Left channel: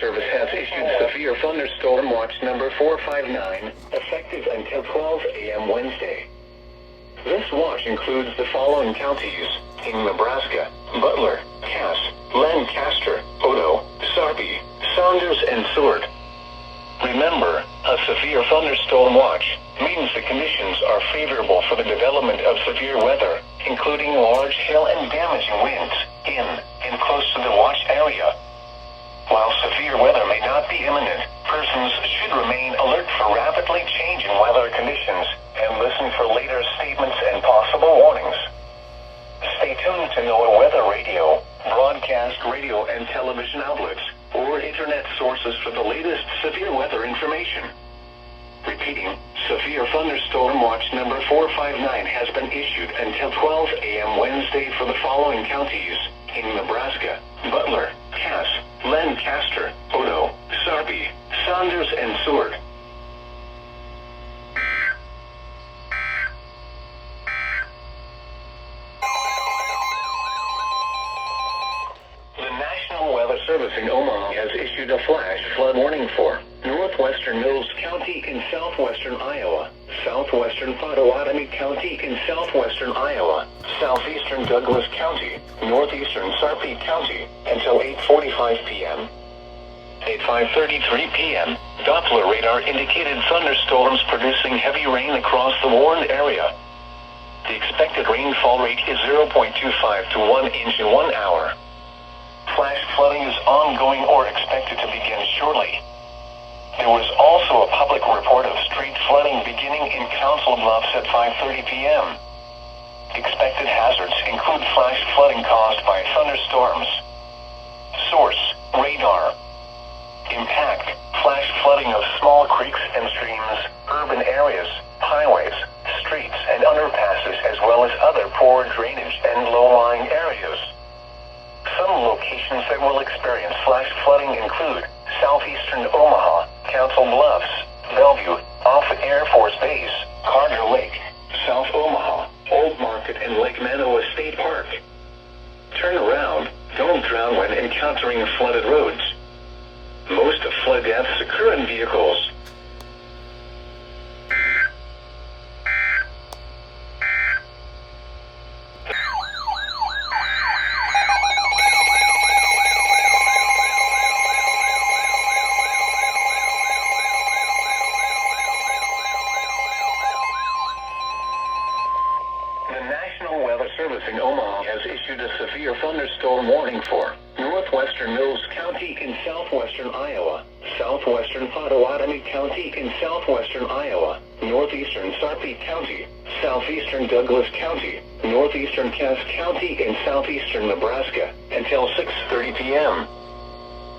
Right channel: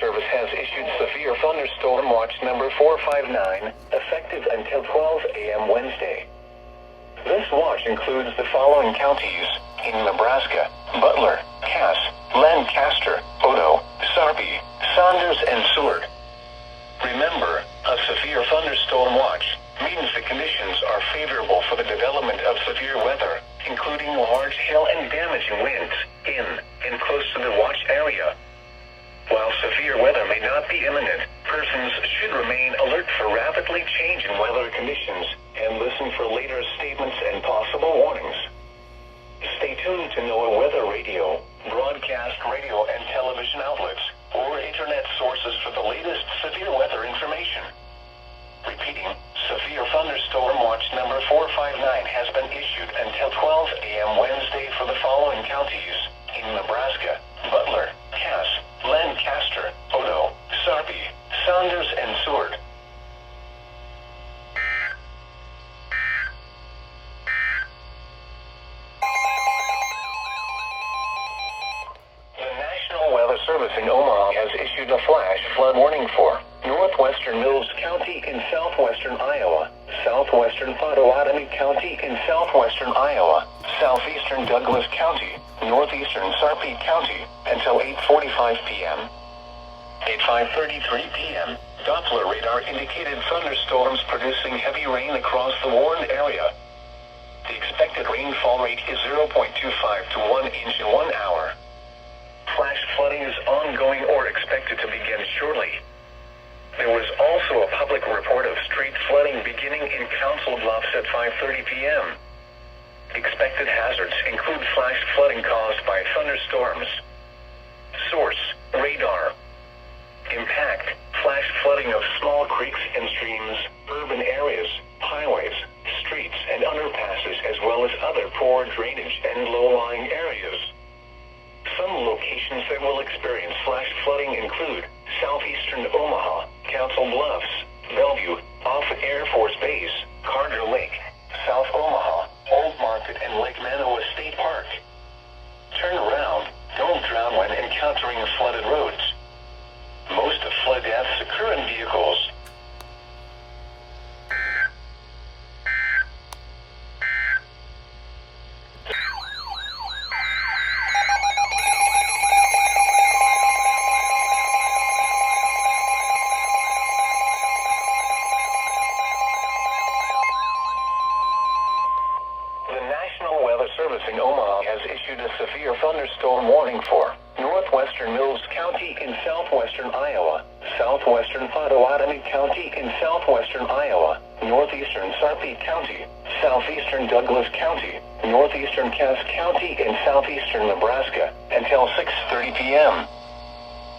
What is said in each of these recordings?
Service has issued severe thunderstorm watch number 459, effective until 12 a.m. Wednesday. This watch includes the following counties in Nebraska: Butler, Cass, Lancaster, Odo, Sarpy, Saunders, and Seward. Remember, a severe thunderstorm watch means the conditions are favorable for the development of severe weather, including large hail and damaging winds in and close to the watch area. While severe weather may not be imminent, persons should remain alert for rapidly changing weather conditions and listen for later statements and possible warnings. Stay tuned to NOAA weather radio, broadcast radio and television outlets, or internet sources for the latest severe weather information. Repeating, severe thunderstorm watch number 459 has been issued until 12 a.m. Wednesday for the following counties in Nebraska: Butler, Cass, Lancaster, Odo, Sarpy, Saunders, and Seward. The National Weather Service in Omaha has issued a flash flood warning for northwestern Mills County in southwestern Iowa, southwestern Pottawatomie County in southwestern Iowa, southeastern Douglas County, northeastern Sarpy County, until 8:45 p.m. At 5:33 p.m., Doppler radar indicated thunderstorms producing heavy rain across the warned area. The expected rainfall rate is 0.25 to 1 inch in 1 hour. Flash flooding is ongoing or expected to begin shortly. There was also a public report of street flooding beginning in Council Bluffs at 5:30 p.m. Expected hazards include flash flooding caused by thunderstorms. Source: radar. Impact: flash flooding of small creeks and streams, urban areas, highways, streets, and underpasses, as well as other poor drainage and low-lying areas. Some locations that will experience flash flooding include southeastern Omaha, Council Bluffs, Bellevue, Offutt Air Force Base, Carter Lake, South Omaha, Old Market, and Lake Manoa State Park. Turn around. Don't drown when encountering flooded roads. Most of flood deaths occur in vehicles. Service in Omaha has issued a severe thunderstorm warning for northwestern Mills County in southwestern Iowa, southwestern Pottawatomie County in southwestern Iowa, northeastern Sarpy County, southeastern Douglas County, northeastern Cass County, and southeastern Nebraska until 6:30 p.m.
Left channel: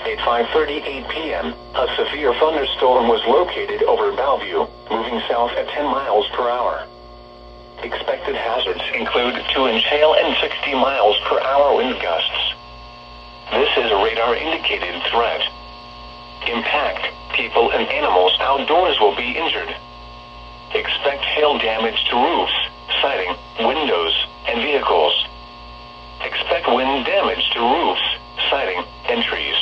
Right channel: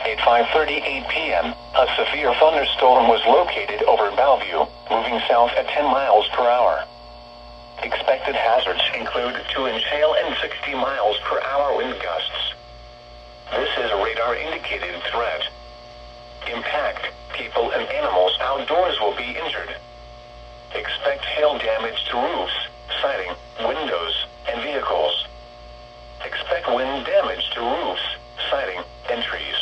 At 5:38 p.m., a severe thunderstorm was located over Bellevue, moving south at 10 miles per hour. Expected hazards include 2-inch hail and 60 miles per hour wind gusts. This is a radar-indicated threat. Impact: people and animals outdoors will be injured. Expect hail damage to roofs, siding, windows, and vehicles. Expect wind damage to roofs, siding, and trees.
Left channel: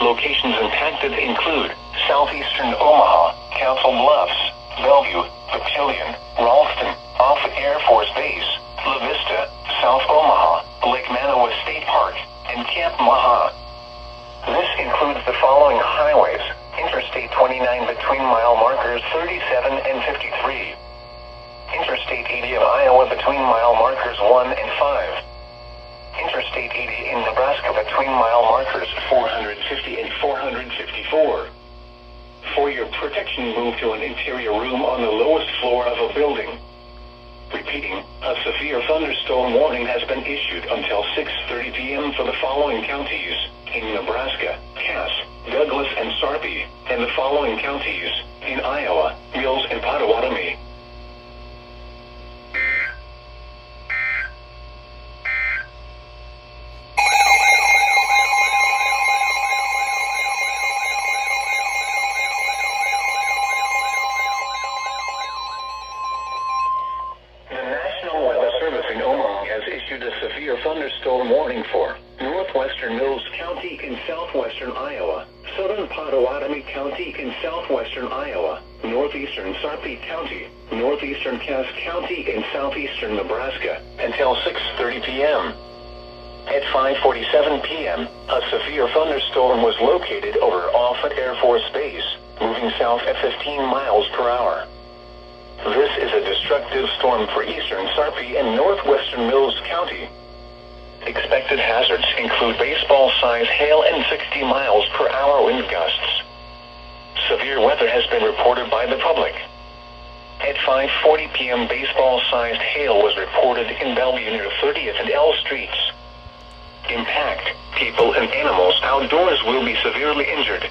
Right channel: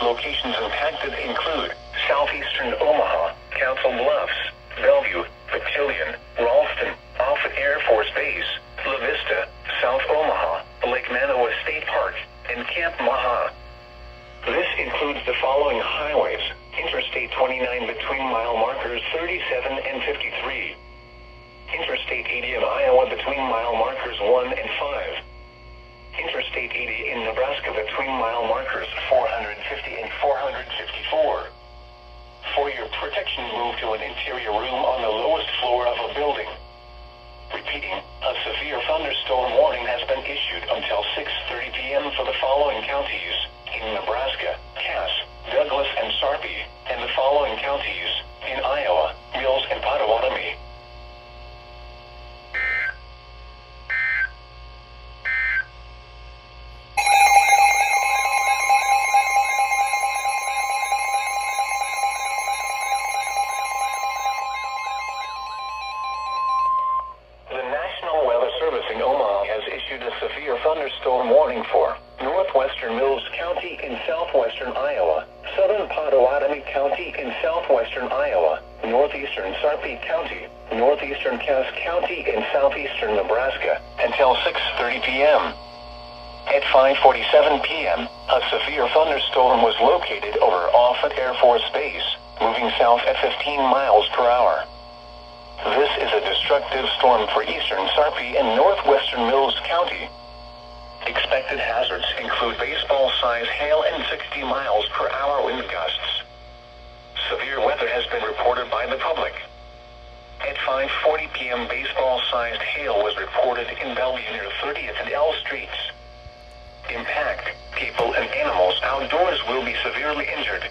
Locations impacted include southeastern Omaha, Council Bluffs, Bellevue, Papillion, Ralston, Offutt Air Force Base, La Vista, South Omaha, Lake Manoa State Park, and Camp Maha. This includes the following highways: Interstate 29 between mile markers 37 and 53. Interstate 80 in Iowa between mile markers 1 and 5. Interstate 80 in Nebraska between mile markers 450 and 454. For your protection, move to an interior room on the lowest floor of a building. Repeating, a severe thunderstorm warning has been issued until 6:30 p.m. for the following counties in Nebraska: Cass, Douglas, and Sarpy, and the following counties in Iowa: Mills and Pottawatomie. The National Weather Service in Omaha has issued a severe thunderstorm warning for north northwestern Mills County in southwestern Iowa, southern Potawatomi County in southwestern Iowa, northeastern Sarpy County, northeastern Cass County in southeastern Nebraska, until 6:30 p.m. At 5:47 p.m., a severe thunderstorm was located over Offutt Air Force Base, moving south at 15 miles per hour. This is a destructive storm for eastern Sarpy and northwestern Mills County. Expected hazards include baseball-sized hail and 60 miles per hour wind gusts. Severe weather has been reported by the public. At 5:40 p.m., baseball-sized hail was reported in Bellevue near 30th and L Streets. Impact: people and animals outdoors will be severely injured.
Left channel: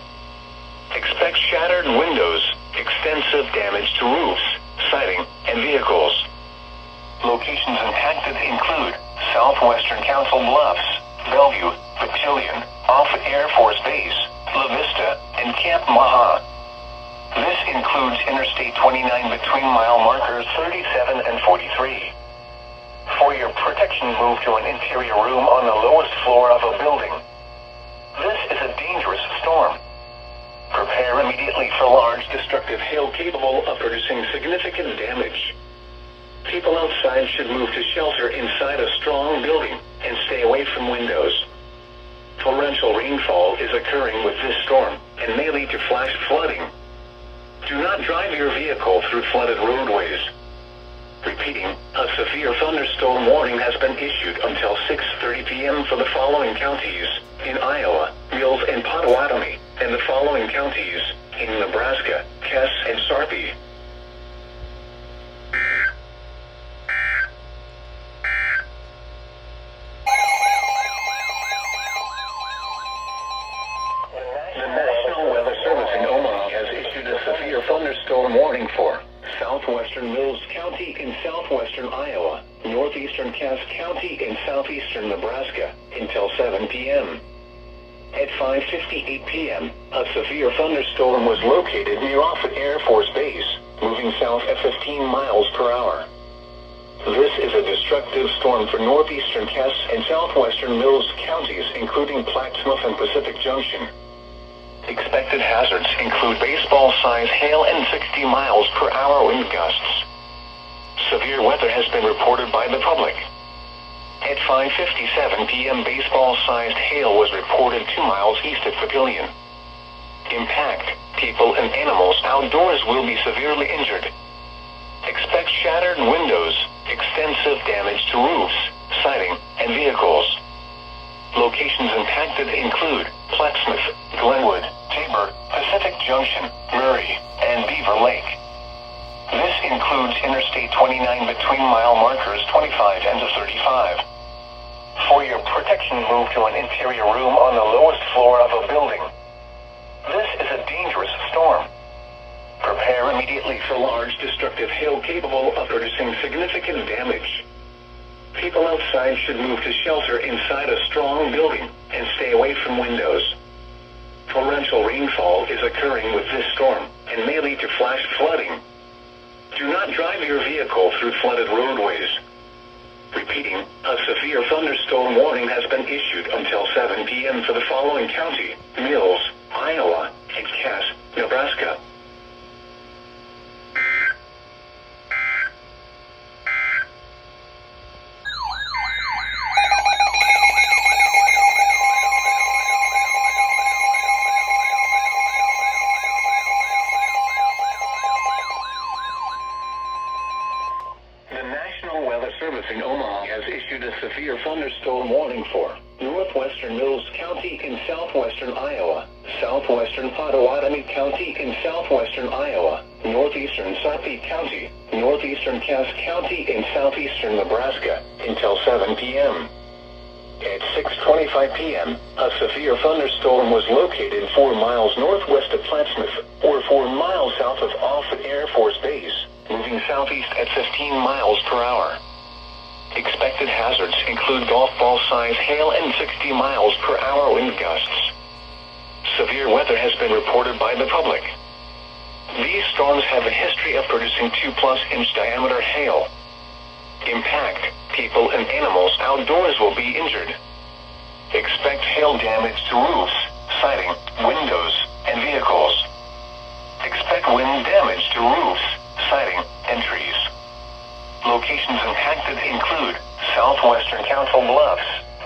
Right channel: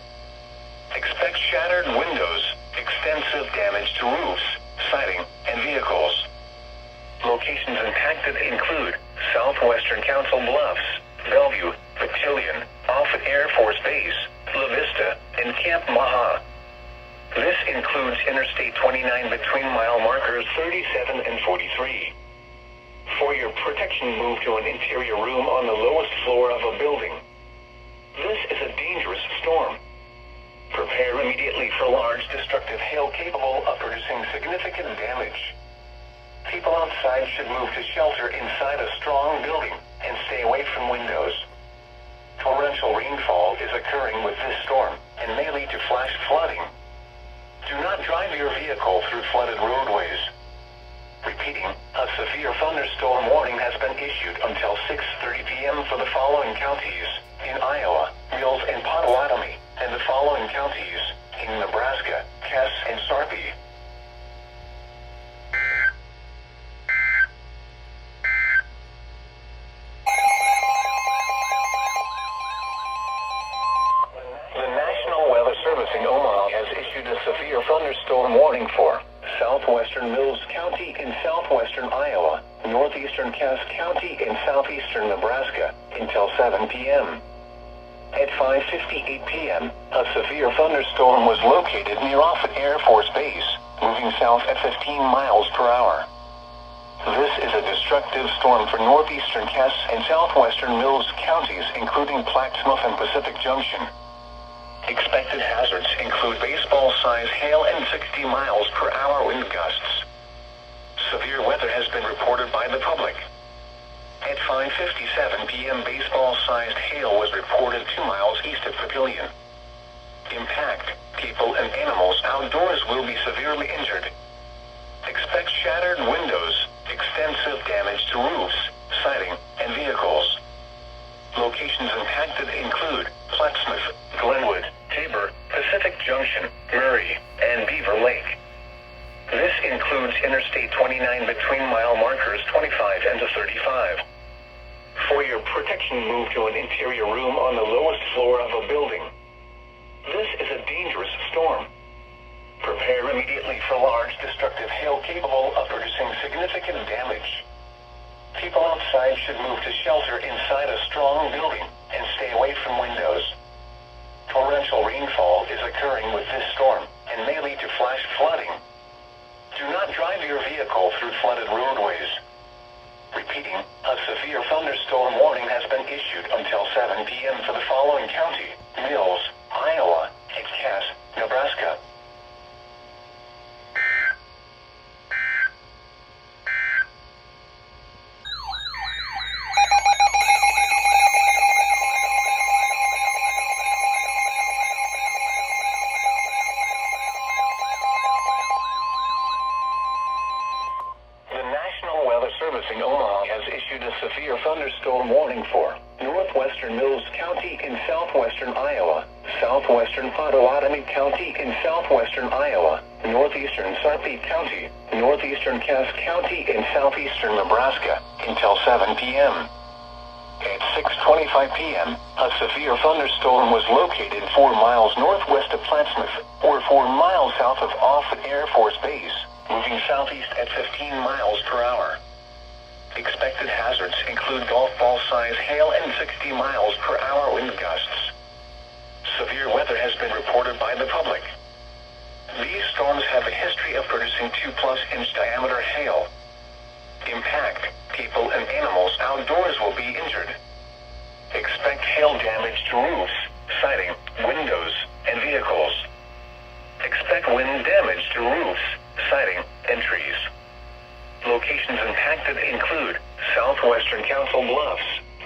Expect shattered windows, extensive damage to roofs, siding, and vehicles. Locations impacted include Southwestern Council Bluffs, Bellevue, Papillion, Offutt Air Force Base, La Vista, and Camp Maha. This includes Interstate 29 between mile markers 37 and 43. For your protection, move to an interior room on the lowest floor of a building. This is a dangerous storm. Prepare immediately for large destructive hail capable of producing significant damage. People outside should move to shelter inside a strong building and stay away from windows. Torrential rainfall is occurring with this storm and may lead to flash flooding. Do not drive your vehicle through flooded roadways. Repeating, a severe thunderstorm warning has been issued until 6:30 p.m. for the following counties in Iowa, Mills and Potawatomi, and the following counties in Nebraska, Cass and Sarpy. The National Weather Service in Omaha has issued a severe thunderstorm warning for southwestern Mills County in southwestern Iowa, northeastern Cass County in southeastern Nebraska, until 7 p.m. At 5:58 p.m., a severe thunderstorm was located near Offutt Air Force Base, moving south at 15 miles per hour. This is a destructive storm for northeastern Cass and southwestern Mills counties, including Plattsmouth and Pacific Junction. Expected hazards include baseball-sized hail and 60 miles per hour wind gusts. Severe weather has been reported by the public. At 5:57 p.m., baseball-sized hail was reported 2 miles east of Papillion. Impact: people and animals outdoors will be severely injured. Expect shattered windows, extensive damage to roofs, siding, and vehicles. Locations impacted include Plattsmouth, Glenwood, Tabor, Pacific Junction, Murray, and Beaver Lake. This includes Interstate 29 between mile markers 25 and 35. For your protection, move to an interior room on the lowest floor of a building. This is a dangerous storm. Prepare immediately for large destructive hail capable of producing significant damage. People outside should move to shelter inside a strong building and stay away from windows. Torrential rainfall is occurring with this storm and may lead to flash flooding. Do not drive your vehicle through flooded roadways. Repeating, a severe thunderstorm warning has been issued until 7 p.m. for the following county: Mills, Iowa, and Cass, Nebraska. In Omaha has issued a severe thunderstorm warning for northwestern Mills County in southwestern Iowa, southwestern Potawatomi County in southwestern Iowa, northeastern Sarpy County, northeastern Cass County in southeastern Nebraska, until 7 p.m. At 6:25 p.m., a severe thunderstorm was located 4 miles northwest of Plattsmouth, or 4 miles south of Offutt Air Force Base, moving southeast at 15 miles per hour. Expected hazards include golf ball-sized hail and 60 miles per hour wind gusts. Severe weather has been reported by the public. These storms have a history of producing 2+ inch diameter hail. Impact: people and animals outdoors will be injured. Expect hail damage to roofs, siding, windows, and vehicles. Expect wind damage to roofs, siding, and trees. Locations impacted include Southwestern Council Bluffs,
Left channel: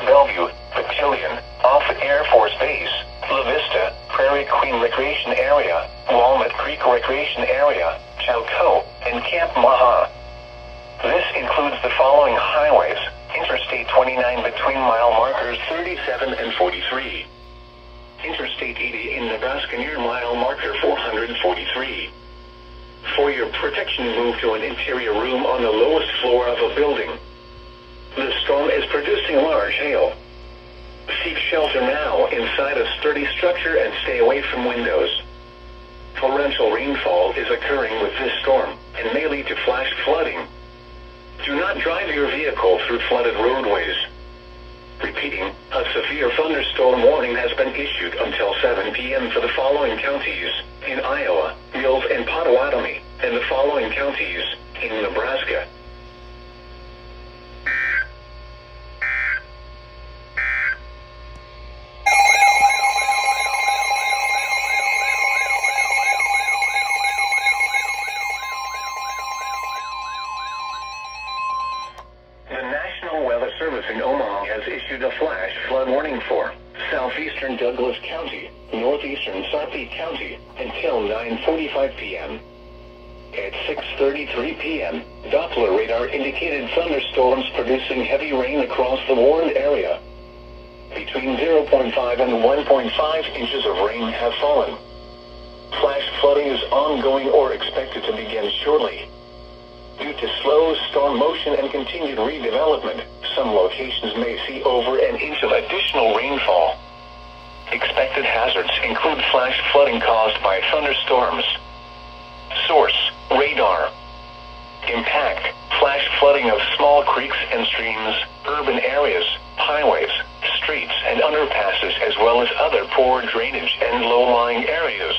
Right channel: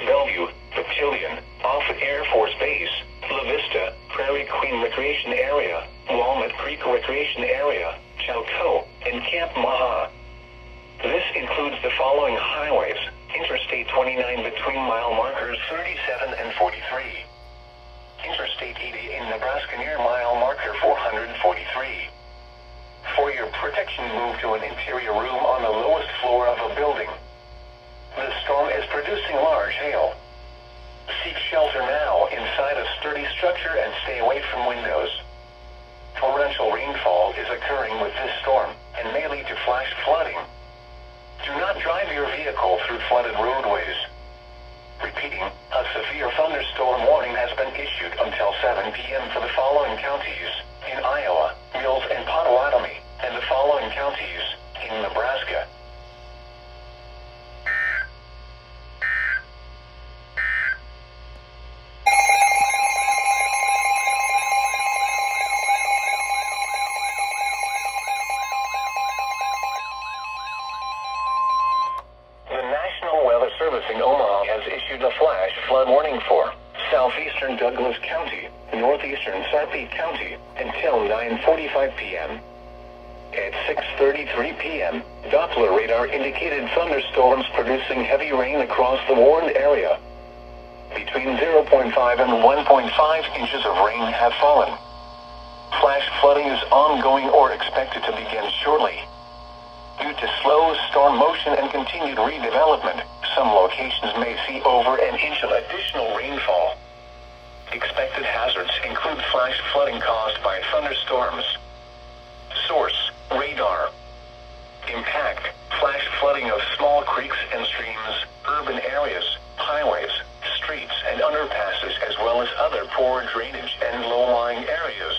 Bellevue, Battalion, Offutt Air Force Base, La Vista, Prairie Queen Recreation Area, Walnut Creek Recreation Area, Chowco, and Camp Maha. This includes the following highways: Interstate 29 between mile markers 37 and 43. Interstate 80 in Nebraska near mile marker 443. For your protection, move to an interior room on the lowest floor of a building. The storm is producing large hail. Seek shelter now inside a sturdy structure and stay away from windows. Torrential rainfall is occurring with this storm and may lead to flash flooding. Do not drive your vehicle through flooded roadways. Repeating, a severe thunderstorm warning has been issued until 7 p.m. for the following counties in Iowa, Mills and Potawatomi, and the following counties in Nebraska. Service in Omaha has issued a flash flood warning for southeastern Douglas County, northeastern Sarpy County until 9:45 p.m. At 6:33 p.m., Doppler radar indicated thunderstorms producing heavy rain across the warned area. Between 0.5 and 1.5 inches of rain have fallen. Flash flooding is ongoing or expected to begin shortly. Due to slow storm motion and continued redevelopment, some locations may see over an inch of additional rainfall. Expected hazards include flash flooding caused by thunderstorms. Source: radar. Impact: flash flooding of small creeks and streams, urban areas, highways, streets, and underpasses, as well as other poor drainage and low-lying areas.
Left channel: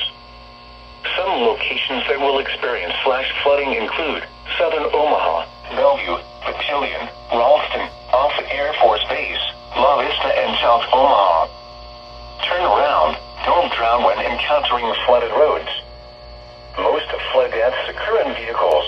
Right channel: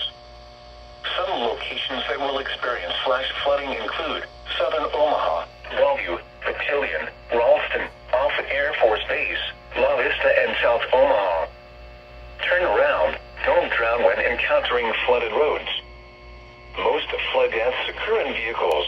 Some locations that will experience flash flooding include Southern Omaha, Bellevue, Battalion, Ralston, Offutt Air Force Base, La Vista, and South Omaha. Turn around. Don't drown when encountering flooded roads. Most flood deaths occur in vehicles.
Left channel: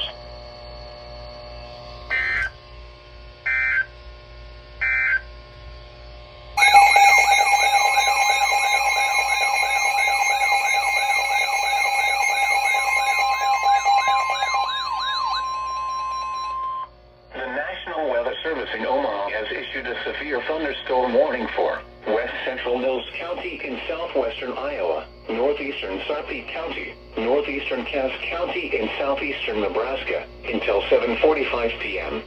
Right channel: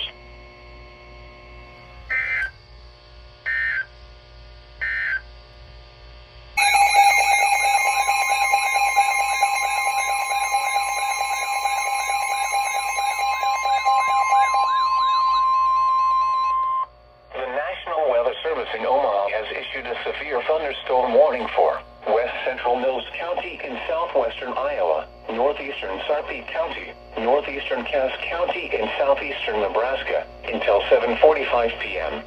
Service in Omaha has issued a severe thunderstorm warning for west central Mills County in southwestern Iowa, northeastern Sarpy County, northeastern Cass County, and southeastern Nebraska until 7:45 p.m.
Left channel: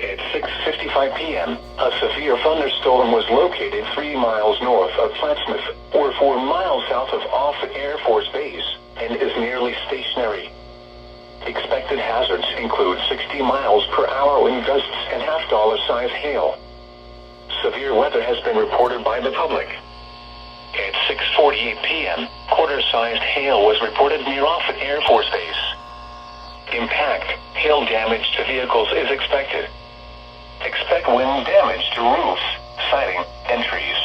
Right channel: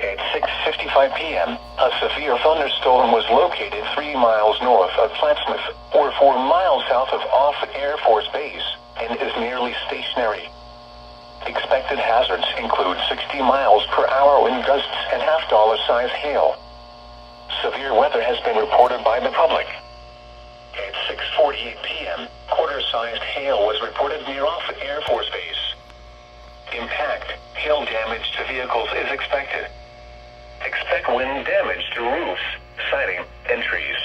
At 6:55 p.m., a severe thunderstorm was located 3 miles north of Plattsmouth, or 4 miles south of Offutt Air Force Base, and is nearly stationary. Expected hazards include 60 miles per hour wind gusts and half-dollar-size hail. Severe weather has been reported by the public. At 6:48 p.m., quarter-sized hail was reported near Offutt Air Force Base. Impact: hail damage to vehicles is expected. Expect wind damage to roofs, siding, and trees.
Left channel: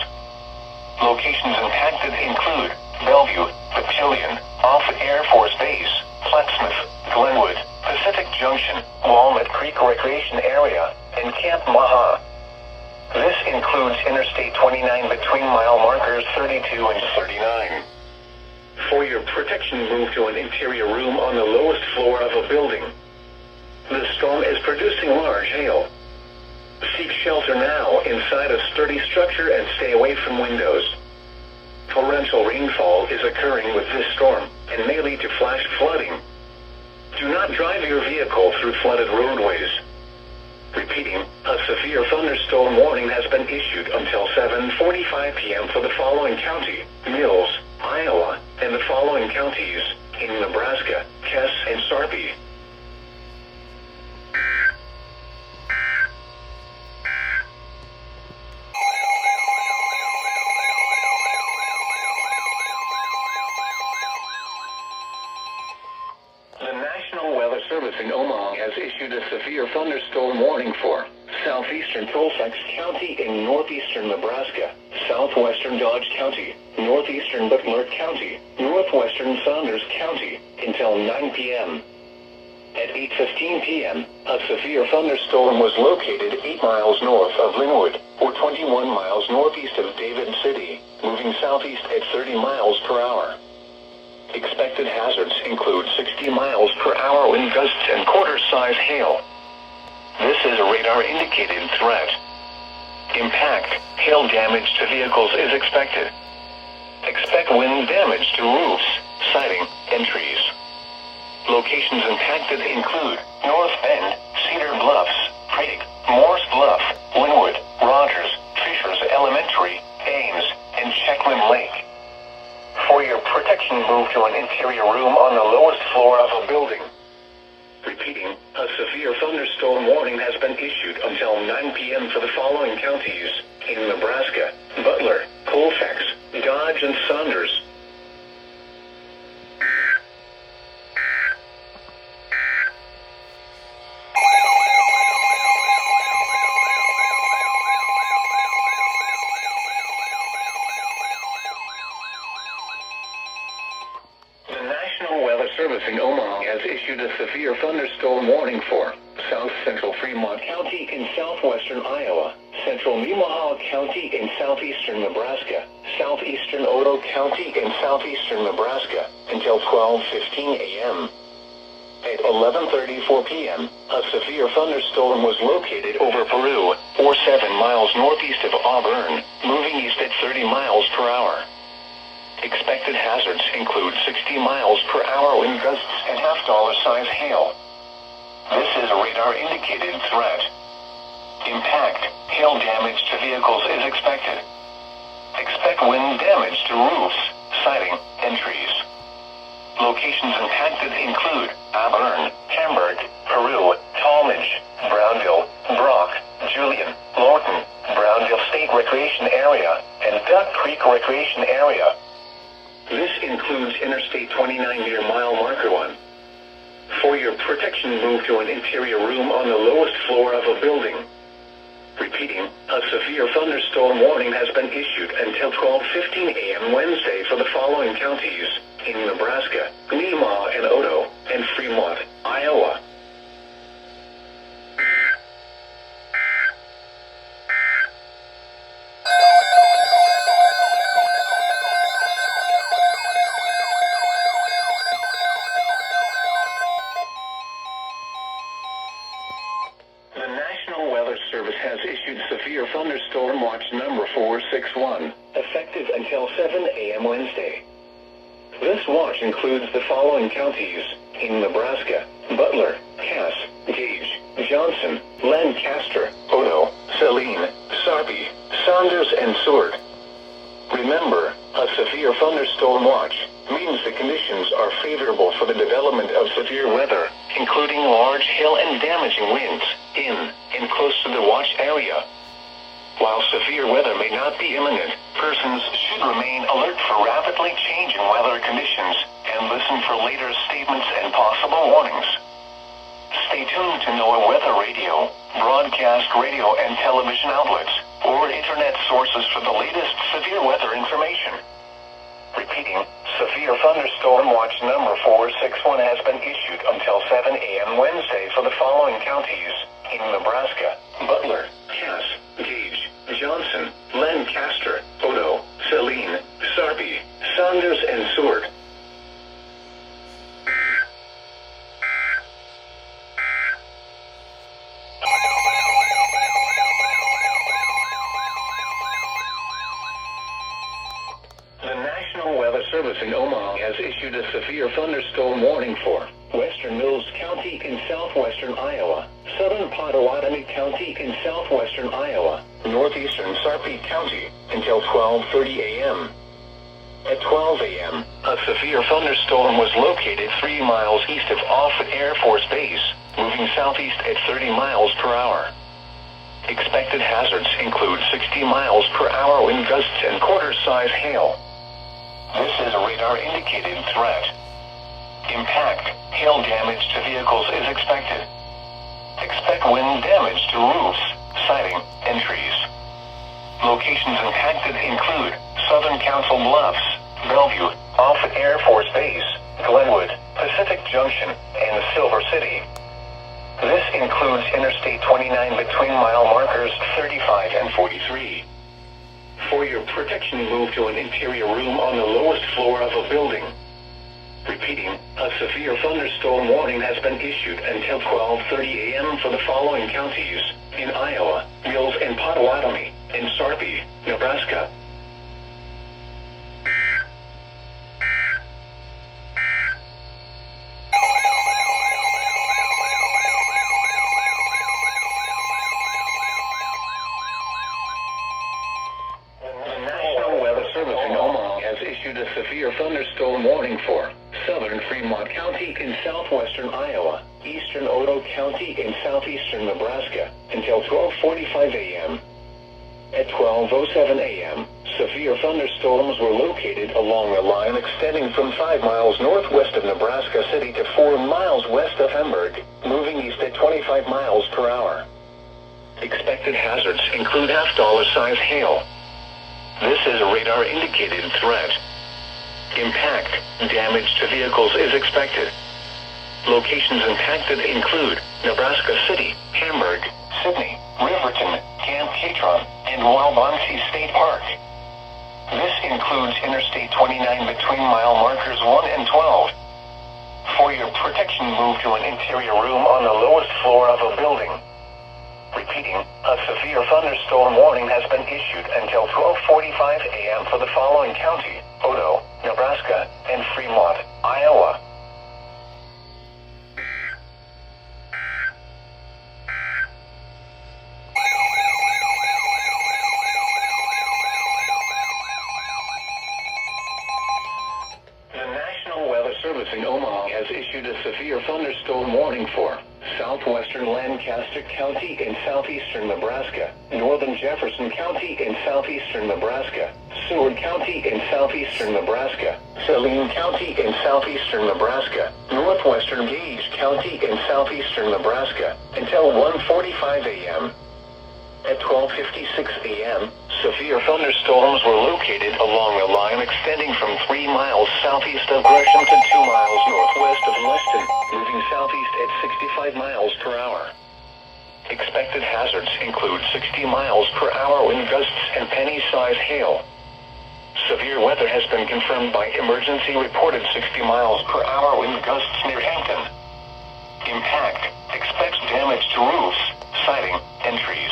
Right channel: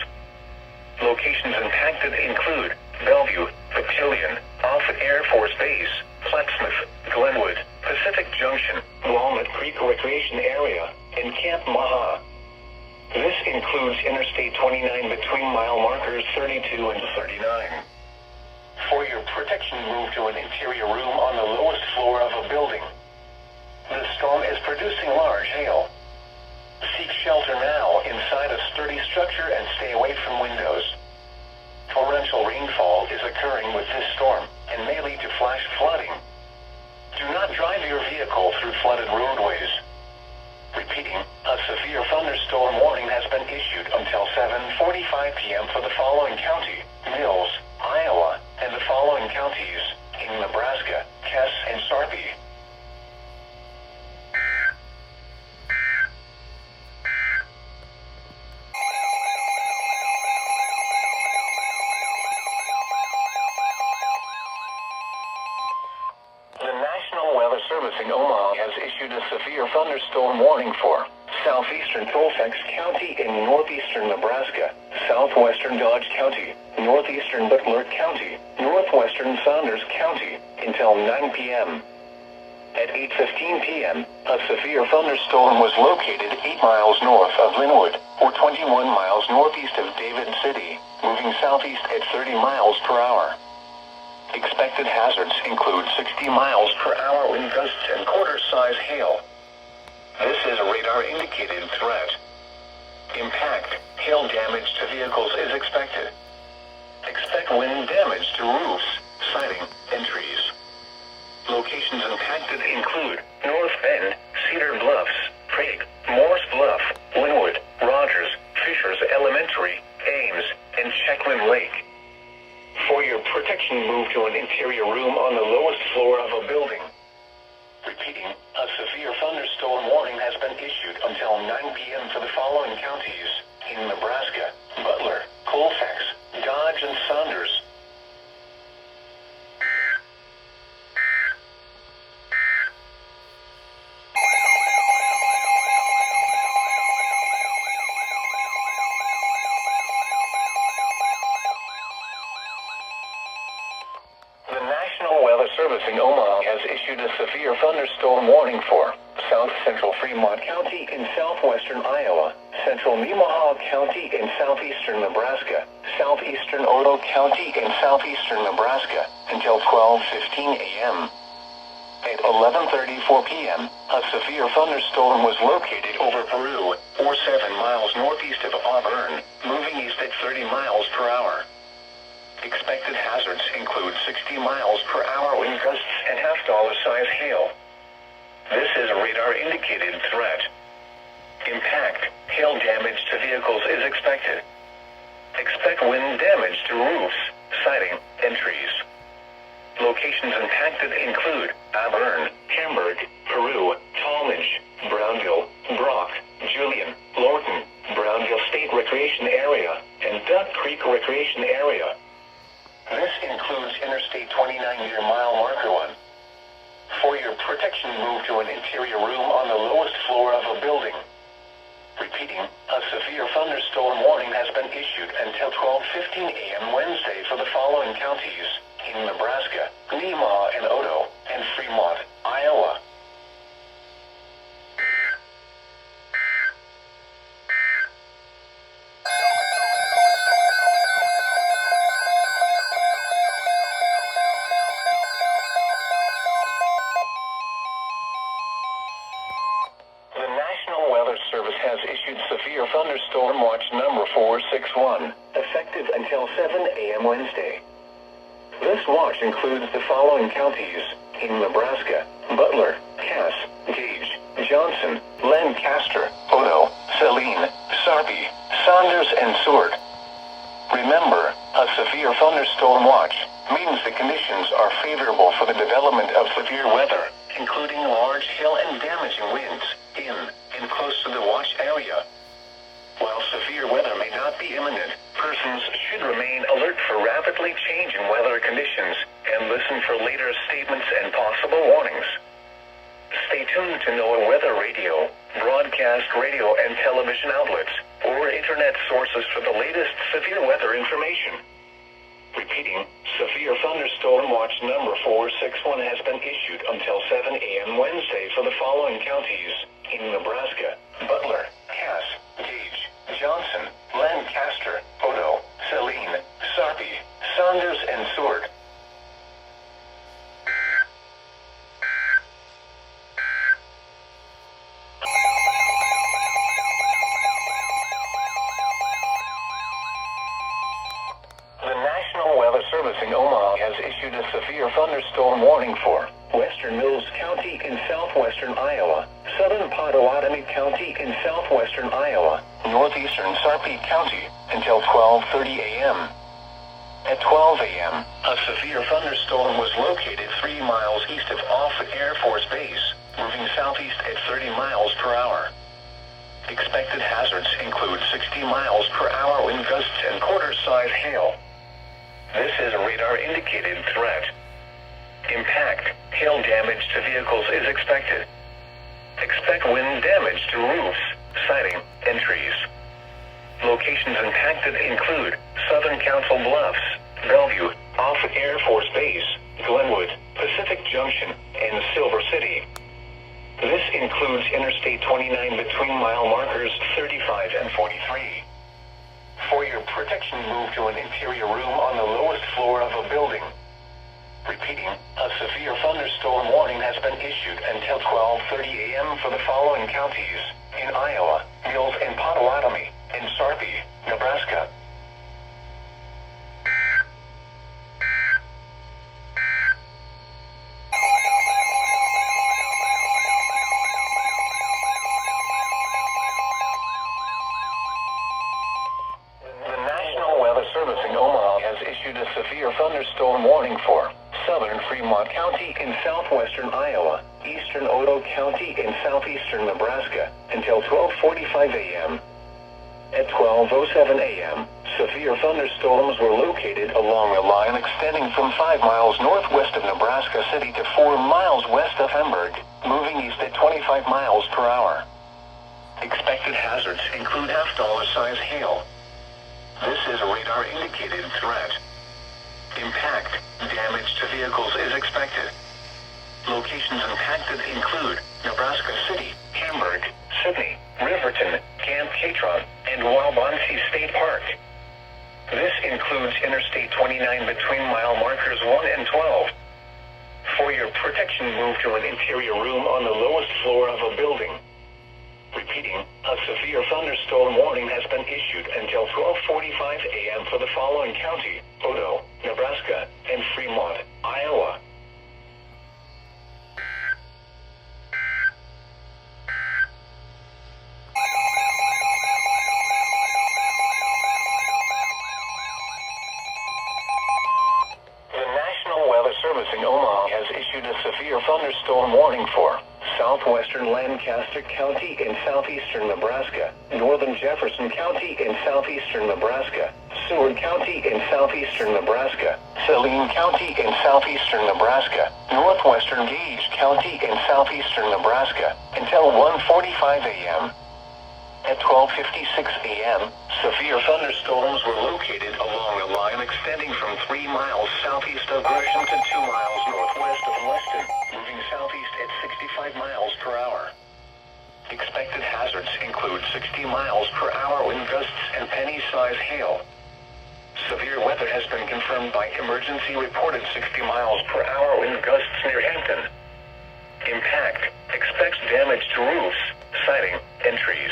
Locations impacted include Bellevue, Battalion, Offutt Air Force Base, Plattsmouth, Glenwood, Pacific Junction, Walnut Creek Recreation Area, and Camp Maha. This includes Interstate 29 between mile markers 32 and 39. For your protection, move to an interior room on the lowest floor of a building. The storm is producing large hail. Seek shelter now inside a sturdy structure and stay away from windows. Torrential rainfall is occurring with this storm and may lead to flash flooding. Do not drive your vehicle through flooded roadways. Repeating, a severe thunderstorm warning has been issued until 7:45 p.m. for the following county: Mills, Iowa, and the following counties in Nebraska, Cass, and Sarpy. The National Weather Service in Omaha has issued a severe thunderstorm warning for southeastern Colfax County in northeastern Nebraska, southwestern Dodge County, northeastern Butler County, northwestern Saunders County, until 9 p.m. At 8:15 p.m., a severe thunderstorm was located 8 miles north of Linwood, or 21 miles northeast of David City, moving southeast at 30 miles per hour. Expected hazards include 60 miles per hour wind gusts and quarter-size hail. This is a radar-indicated threat. Impact, hail damage to vehicles is expected. Expect wind damage to roofs, siding, and trees. Locations impacted include North Bend, Cedar Bluffs, Prague, Morse Bluff, Linwood, Rogers, Fishers Elementary, Ames, and Checkland Lake. For your protection, move to an interior room on the lowest floor of a building. Repeating, a severe thunderstorm warning has been issued until 9 p.m. for the following counties in Nebraska: Butler, Colfax, Dodge, and Saunders. Service in Omaha has issued a severe thunderstorm warning for south central Fremont County in southwestern Iowa, central Nemaha County in southeastern Nebraska, southeastern Otoe County in southeastern Nebraska, until 12:15 a.m. At 11:34 p.m., a severe thunderstorm was located over Peru, or 7 miles northeast of Auburn, moving east at 30 miles per hour. Expected hazards include 60 miles per hour wind gusts and half-dollar-size hail. This is a radar-indicated threat. Impact, hail damage to vehicles is expected. Expect wind damage to roofs, siding, and trees. Locations impacted include Auburn, Hamburg, Peru, Talmadge, Brownville, Brock, Julian, Lorton, Brownville State Recreation Area, and Duck Creek Recreation Area. This includes Interstate 29 near mile marker 1. For your protection, move to an interior room on the lowest floor of a building. Repeating, a severe thunderstorm warning has been issued until 12:15 a.m. Wednesday for the following counties in Nebraska: Nemaha and Otoe, and Fremont, Iowa. Service has issued severe thunderstorm watch number 461, effective until 7 a.m. Wednesday. This watch includes the following counties in Nebraska: Butler, Cass, Gage, Johnson, Lancaster, Otoe, Saline, Sarpy, Saunders, and Seward. Remember, a severe thunderstorm watch means the conditions are favorable for the development of severe weather, including large hail and damaging winds in and close to the watch area. While severe weather may not be imminent, persons should remain alert for rapidly changing weather conditions and listen for later statements and possible warnings. Stay tuned to NOAA weather radio, broadcast radio and television outlets, or internet sources for the latest severe weather information. Repeating, severe thunderstorm watch number 461 has been issued until 7 a.m. Wednesday for the following counties in Nebraska: Butler, Cass, Gage, Johnson, Lancaster, Otoe, Saline, Sarpy, Saunders, and Seward. Service in Omaha has issued a severe thunderstorm warning for western Mills County in southwestern Iowa, southern Pottawatomie County in southwestern Iowa, northeastern Sarpy County until 12:30 a.m. At 12 a.m., a severe thunderstorm was located 3 miles east of Offutt Air Force Base, moving southeast at 30 miles per hour. Expected hazards include 60 miles per hour wind gusts and quarter-size hail. This is a radar-indicated threat. Impact, hail damage to vehicles is expected. Expect wind damage to roofs, siding, and trees. Locations impacted include Southern Council Bluffs, Bellevue, Offutt Air Force Base, Glenwood, Pacific Junction, and Silver City. This includes Interstate 29 between mile markers 35 and 43. For your protection, move to an interior room on the lowest floor of a building. Repeating, a severe thunderstorm warning has been issued until 12:30 a.m. for the following counties: in Iowa, Mills and Potawatomi, and Sarpy, Nebraska. The National Weather Service in Omaha has issued a severe thunderstorm warning for southern Fremont County in southwestern Iowa, eastern Otoe County in southeastern Nebraska, until 12:45 a.m. At 12:07 a.m., severe thunderstorms were located along a line extending from 5 miles northwest of Nebraska City to 4 miles west of Hamburg, moving east at 25 miles per hour. Expected hazards include half-dollar-size hail. This is a radar-indicated threat. Impact, damage to vehicles is expected. Locations impacted include Nebraska City, Hamburg, Sidney, Riverton, Camp Catron, and Waubonsee State Park. This includes Interstate 29 between mile markers 1 and 12. For your protection, move to an interior room on the lowest floor of a building. Repeating, a severe thunderstorm warning has been issued until 12:45 a.m. for the following county: Otoe, Nebraska, and Fremont, Iowa. The National Weather Service in Omaha has issued a severe thunderstorm warning for southwestern Lancaster County in southeastern Nebraska, northern Jefferson County in southeastern Nebraska, Seward County in southeastern Nebraska, Saline County in southeastern Nebraska, northwestern Gage County in southeastern Nebraska, until 1:45 a.m. At 12:56 a.m., severe thunderstorms were located along a line extending from 3 miles southeast of Gresham to 2 miles northwest of Leston, moving southeast at 65 miles per hour. Expected hazards include 60 miles per hour wind gusts and penny-size hail. Severe weather has been confirmed by emergency reported 60 miles per hour wind gusts near Hampton. Impact, expects damage to roofs, siding, and trees.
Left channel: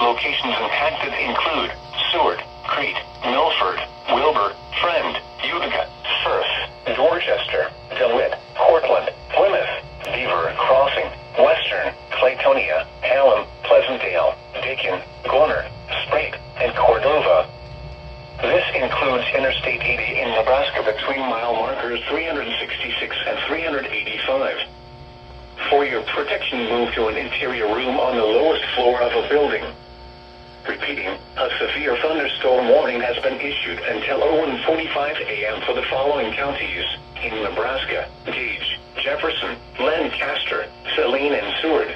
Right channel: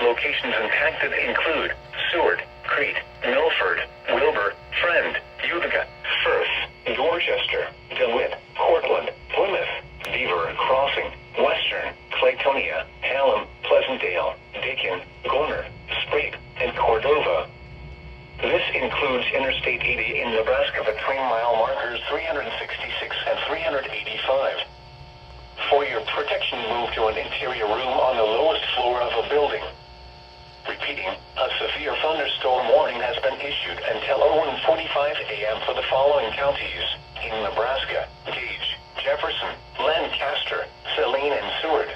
Locations impacted include Seward, Crete, Milford, Wilbur, Friend, Utica, Firth, Dorchester, DeWitt, Cortland, Plymouth, Beaver Crossing, Western, Claytonia, Hallam, Pleasantdale, Dakin, Gorner, Sprague, and Cordova. This includes Interstate 80 in Nebraska between mile markers 366 and 385. For your protection, move to an interior room on the lowest floor of a building. Repeating, a severe thunderstorm warning has been issued until 01:45 a.m. for the following counties: in Nebraska, Gage, Jefferson, Lancaster, Saline, and Seward.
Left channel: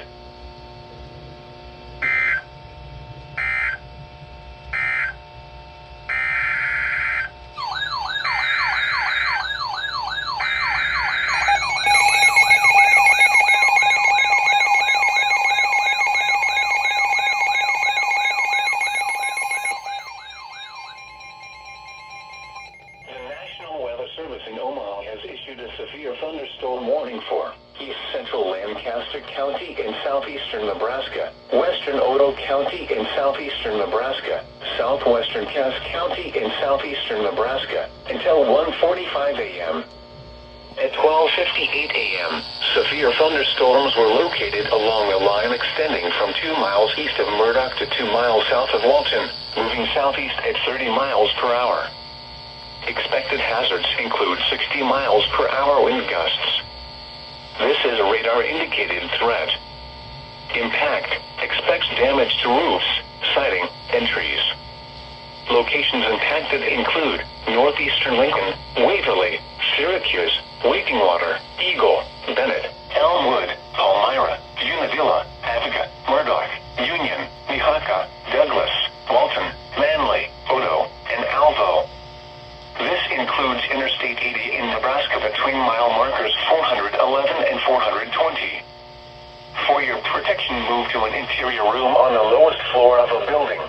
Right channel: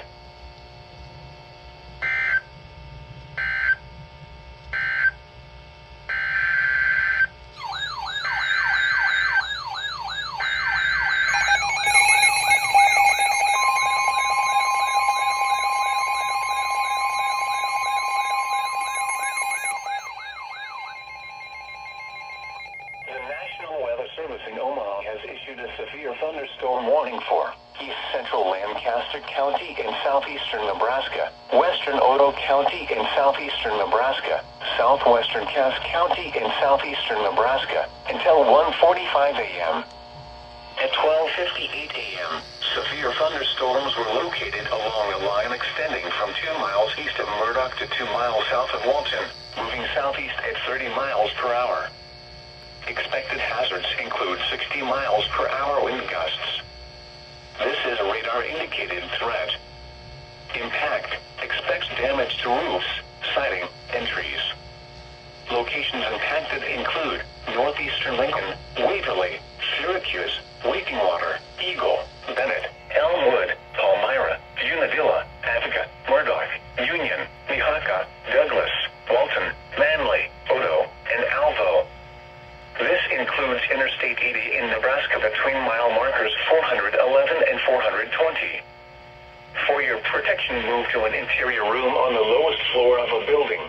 Service in Omaha has issued a severe thunderstorm warning for east central Lancaster County in southeastern Nebraska, western Otoe County in southeastern Nebraska, southwestern Cass County in southeastern Nebraska, until 1:45 a.m. At 12:58 a.m., severe thunderstorms were located along a line extending from 2 miles east of Murdoch to 2 miles south of Walton, moving southeast at 30 miles per hour. Expected hazards include 60 miles per hour wind gusts. This is a radar-indicated threat. Impact, expects damage to roofs, siding, and trees. Locations impacted include northeastern Lincoln, Waverly, Syracuse, Wakeingwater, Eagle, Bennett, Elmwood, Palmyra, Unadilla, Attica, Murdoch, Union, includes Interstate 80 in Nebraska between mile markers 411 and 420. For your protection, move to an interior room on the lowest floor of a building.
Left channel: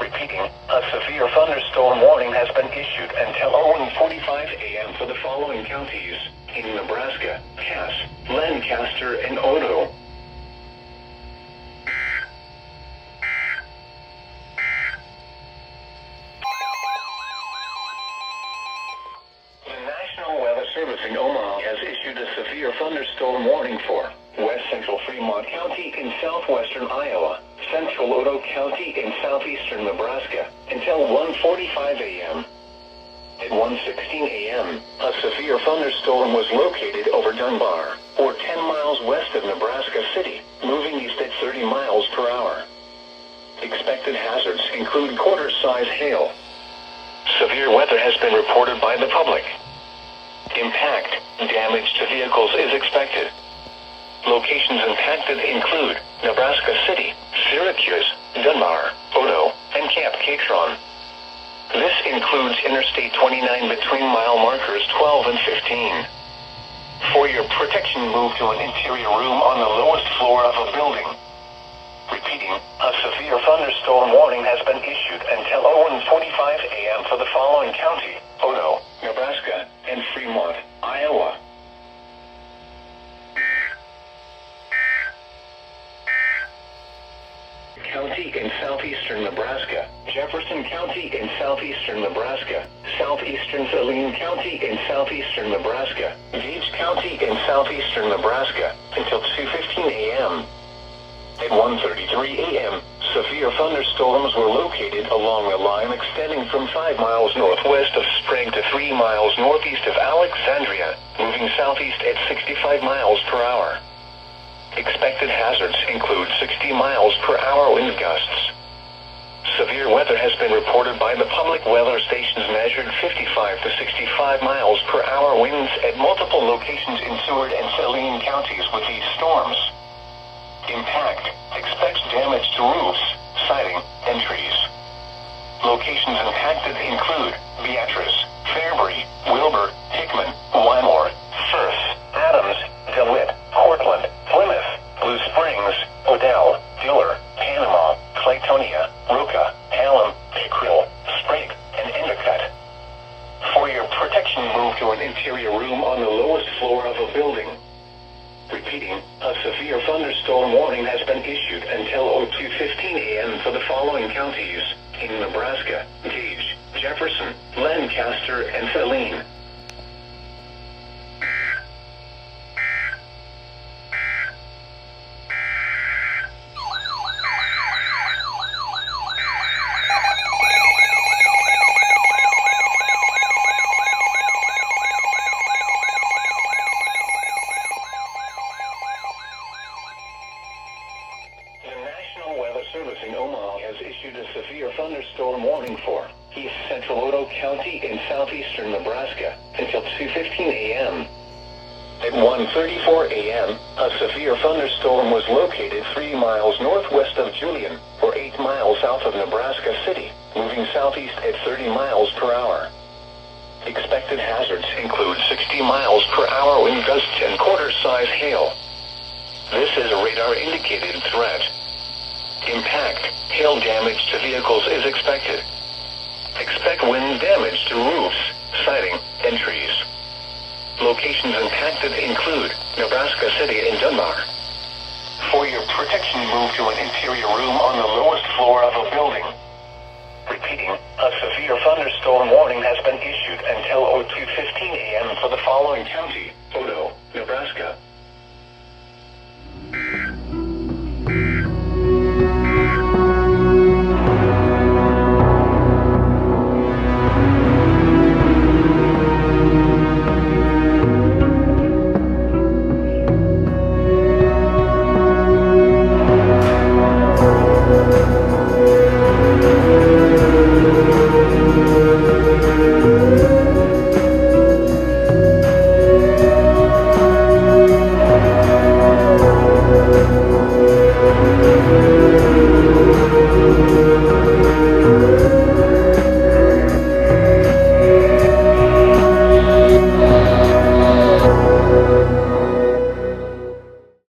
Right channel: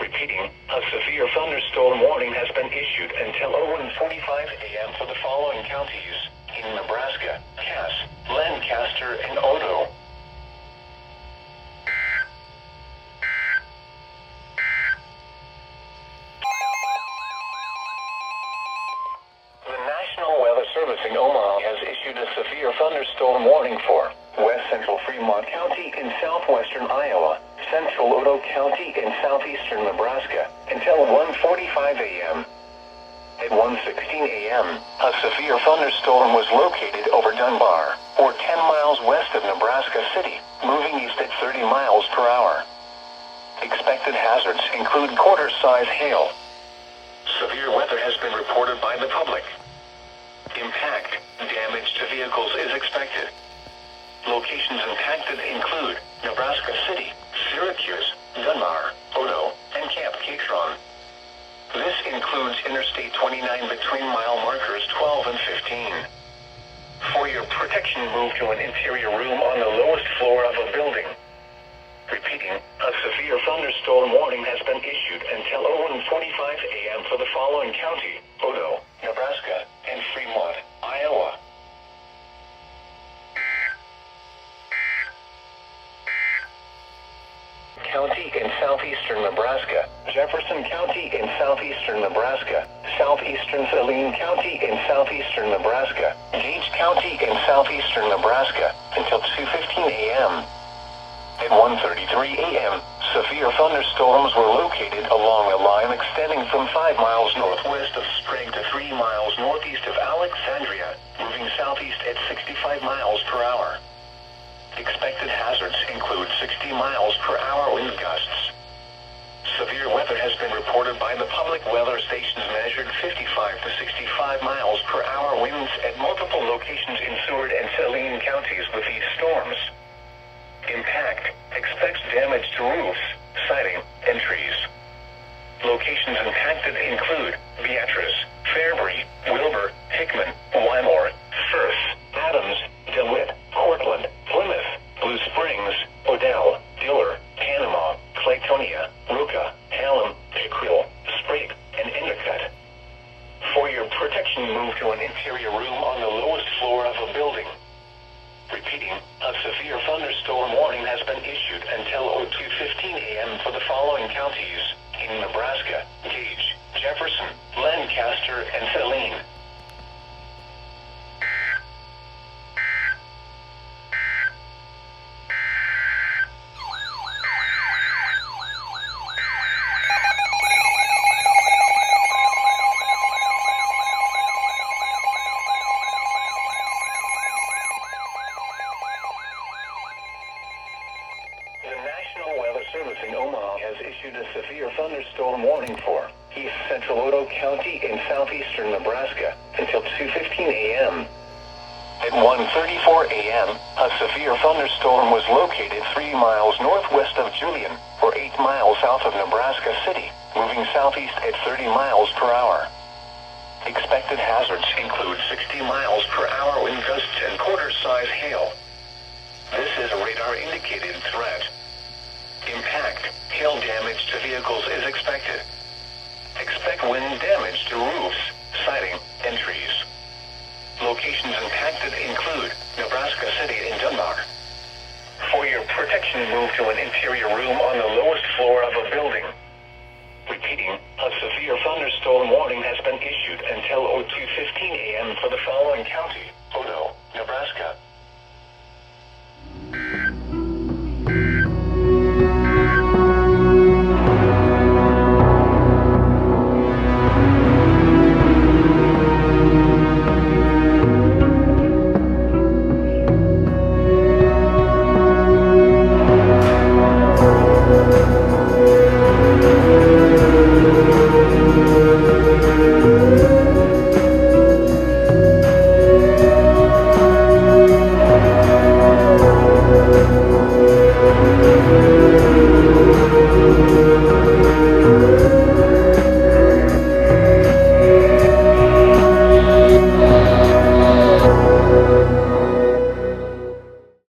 Repeating, a severe thunderstorm warning has been issued until 1:45 a.m. for the following counties in Nebraska: Cass, Lancaster, and Odo. The National Weather Service in Omaha has issued a severe thunderstorm warning for West Central Fremont County in southwestern Iowa, Central Odo County in southeastern Nebraska, until 1:45 a.m. At 1:16 a.m., a severe thunderstorm was located over Dunbar, or 10 miles west of Nebraska City, moving east at 30 miles per hour. Expected hazards include quarter-size hail. Severe weather has been reported by the public. Impact, damage to vehicles is expected. Locations impacted include Nebraska City, Syracuse, Dunbar, Odo, and Camp Catron. This includes Interstate 29 between mile markers 12 and 15. For your protection, move to an interior room on the lowest floor of a building. Repeating, a severe thunderstorm warning has been issued until 1:45 a.m. for the following county: Odo, Nebraska, and Fremont, Iowa. County in southeastern Nebraska, Jefferson County in southeastern Nebraska, southeastern Saline County in southeastern Nebraska, Gage County in southeastern Nebraska, until 2:15 a.m. At 1:33 a.m., severe thunderstorms were located along a line extending from 5 miles northwest of Sprague to 3 miles northeast of Alexandria, moving southeast at 65 miles per hour. Expected hazards include 60 miles per hour wind gusts. Severe weather has been reported by the public weather stations, measured 55 to 65 miles per hour winds at multiple locations in Seward and Saline counties with these storms. Impact, expects damage to roofs, siding, and trees. Locations impacted include Beatrice, Fairbury, Wilbur, Hickman, Wymore, Firth, Adams, DeWitt, Cortland, Plymouth, Blue Springs, Odell, Diller, Panama, Claytonia, Roca, Hallam, Pickrell, Sprague, and Endicott. For your protection, move to an interior room on the lowest floor of a building. Repeating, a severe thunderstorm warning has been issued until 2:15 a.m. for the following counties in Nebraska: Gage, Jefferson, Lancaster, and Saline. Thunderstorm warning for East Central Odo County in southeastern Nebraska until 2:15 a.m. At 1:34 a.m., a severe thunderstorm was located 3 miles northwest of Julian, or 8 miles south of Nebraska City, moving southeast at 30 miles per hour. Expected hazards include 60 miles per hour wind gusts and quarter-size hail. This is a radar-indicated threat. Impact, hail damage to vehicles is expected. Expect wind damage to roofs, siding, and trees. Locations impacted include Nebraska City and Dunbar. For your protection, move to an interior room on the lowest floor of a building. Repeating, a severe thunderstorm warning has been issued until 2:15 a.m. for the following county: Odo, Nebraska,